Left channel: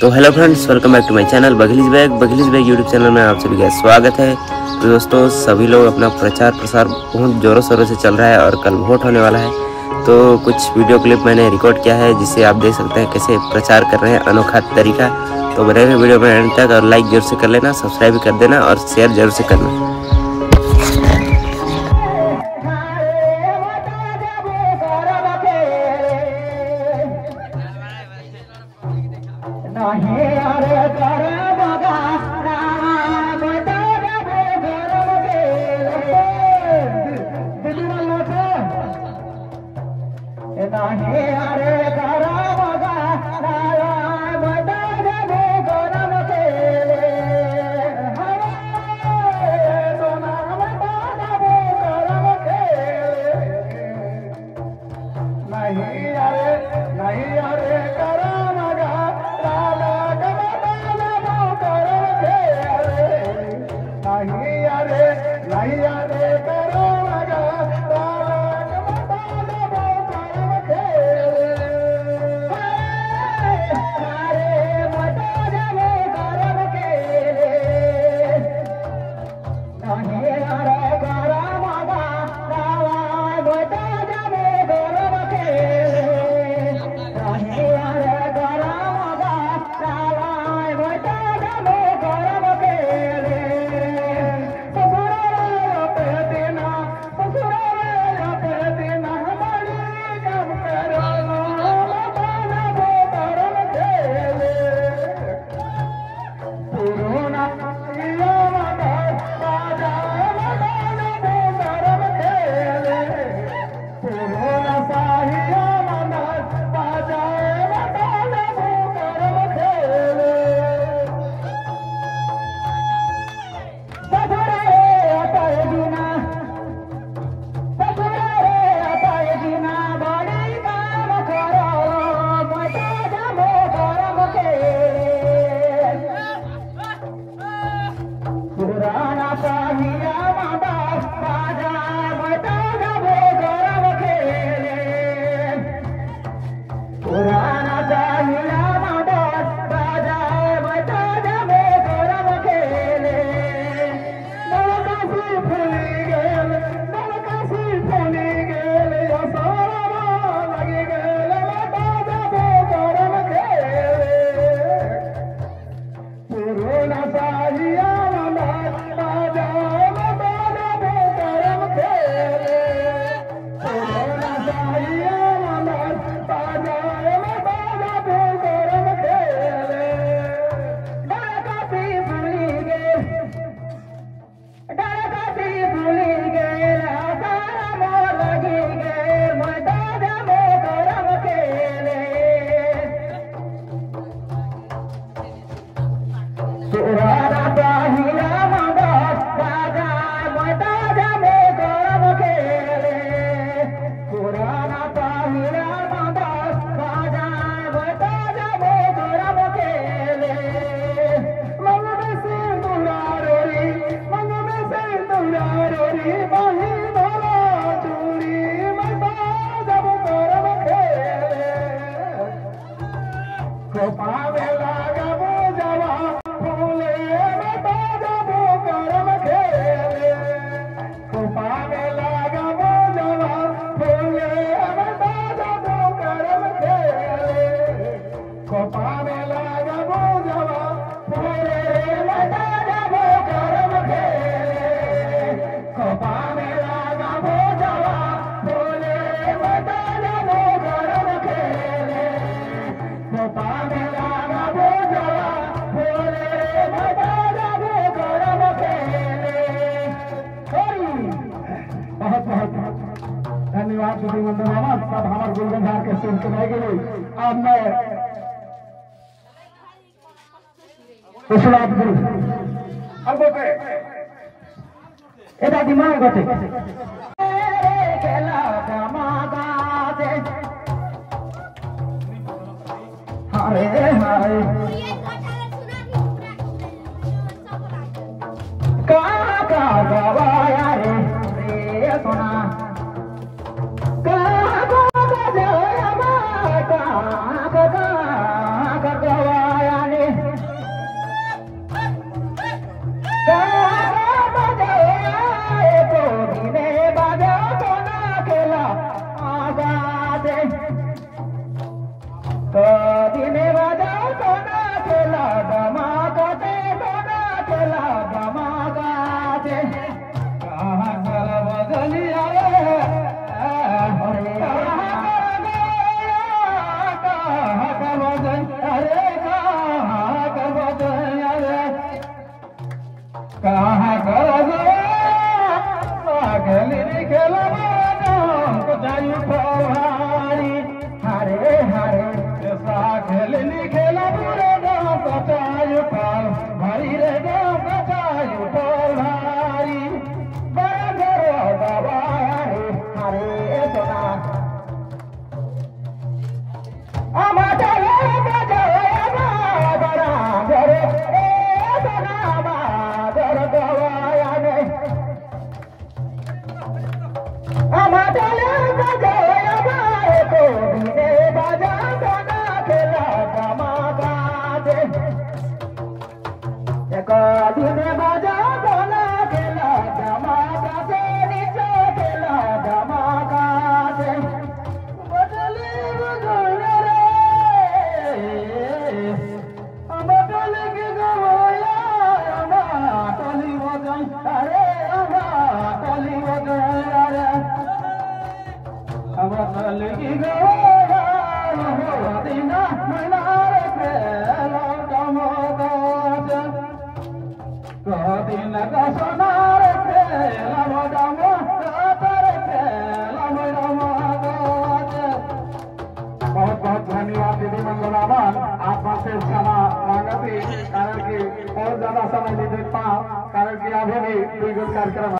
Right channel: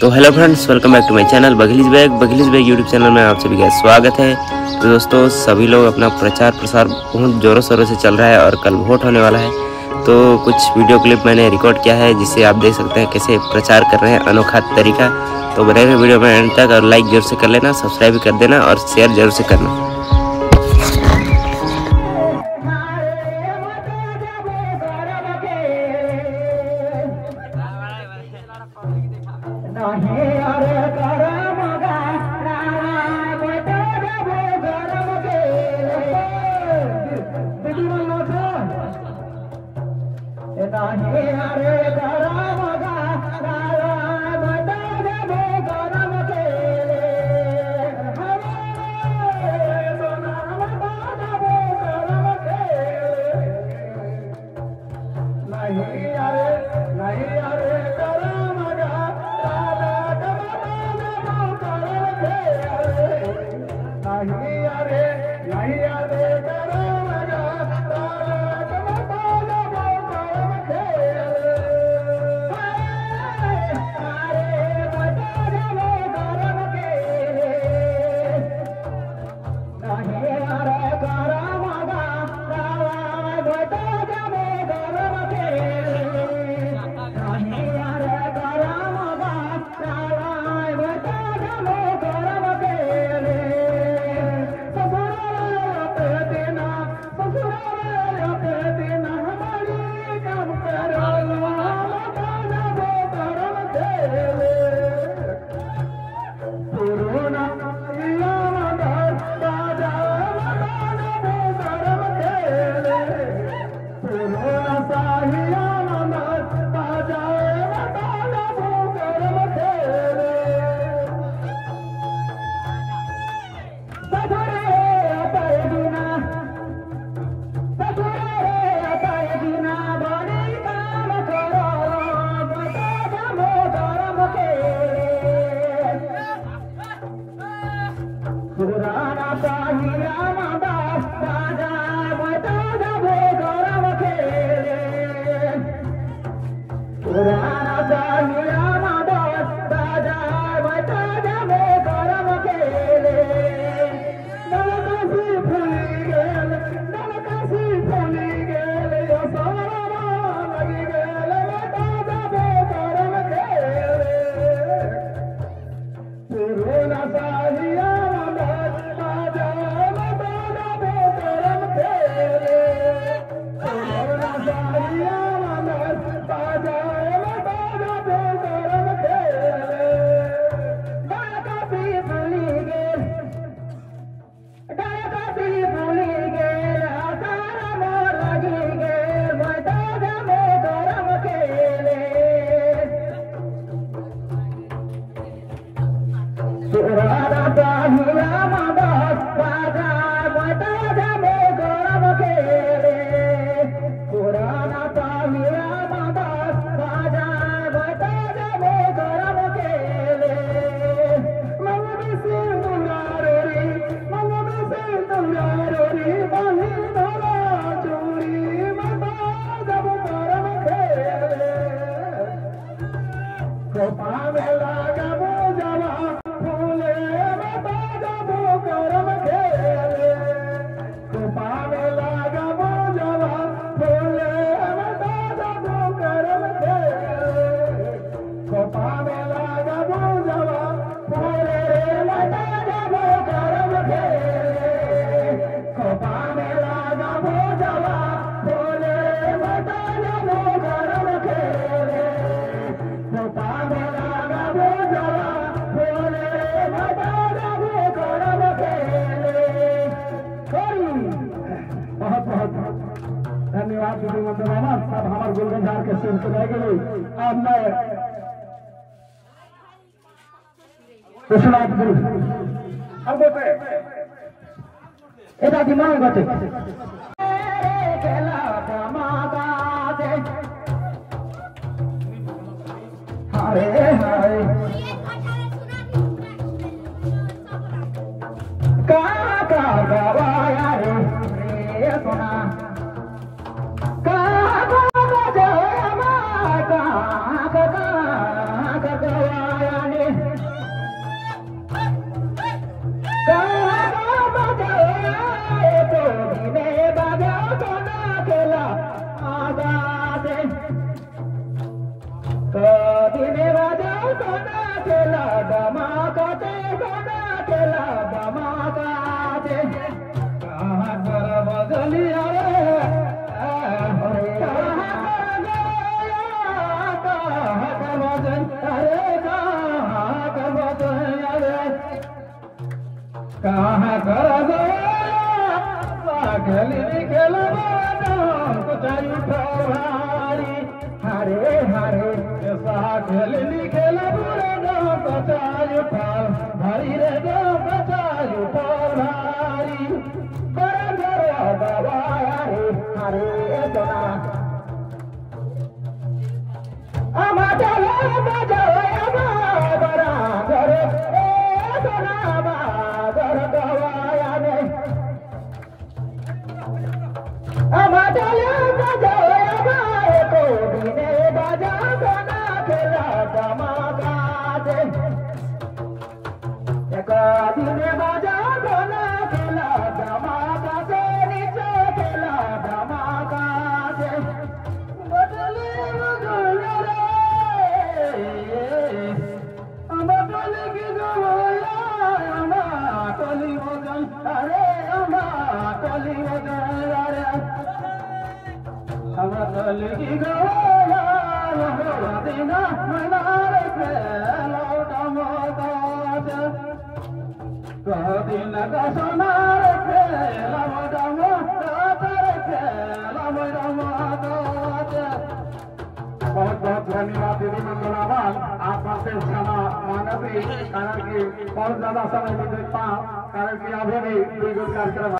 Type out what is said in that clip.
तो hello friends, welcome back to my channel बघेलीज bag YouTube channel में आप सभी का स्वागत है। तो दोस्तों, सभी लोग अपना प्रचार प्रसार बहुत ज़ोरों शोरों से चल रहा है और कल वोट होने वाला है। तो कुछ वीडियो क्लिप मैंने रिकॉर्ड किया है जिससे आप देख सकते हैं कैसे प्रचार कर रहे हैं, अनोखा तरीका। तो बने रहे वीडियो में एंड तक और लाइक जरूर से कर लेना, सब्सक्राइब भी कर देना और शेयर जरूर से करना। धन्यवाद सब हमारे गुलगंधार के सीन सुनाई गई। अब मैं कुशलाप गुरु अब बोलते এটা দিমানের গতে খেলা জামাগাতে হায় হায় কাকা গাওয়া রে সোনা কাকা গাওয়া মা কাকা গাওয়া बहुत बहुत धन्यवाद दीदी मंगलावान, आप बातें क्षमा मांगती कारण कि बहुत ज्यादा समय नहीं दे पाओ कारण कि अभी भी कार्यक्रम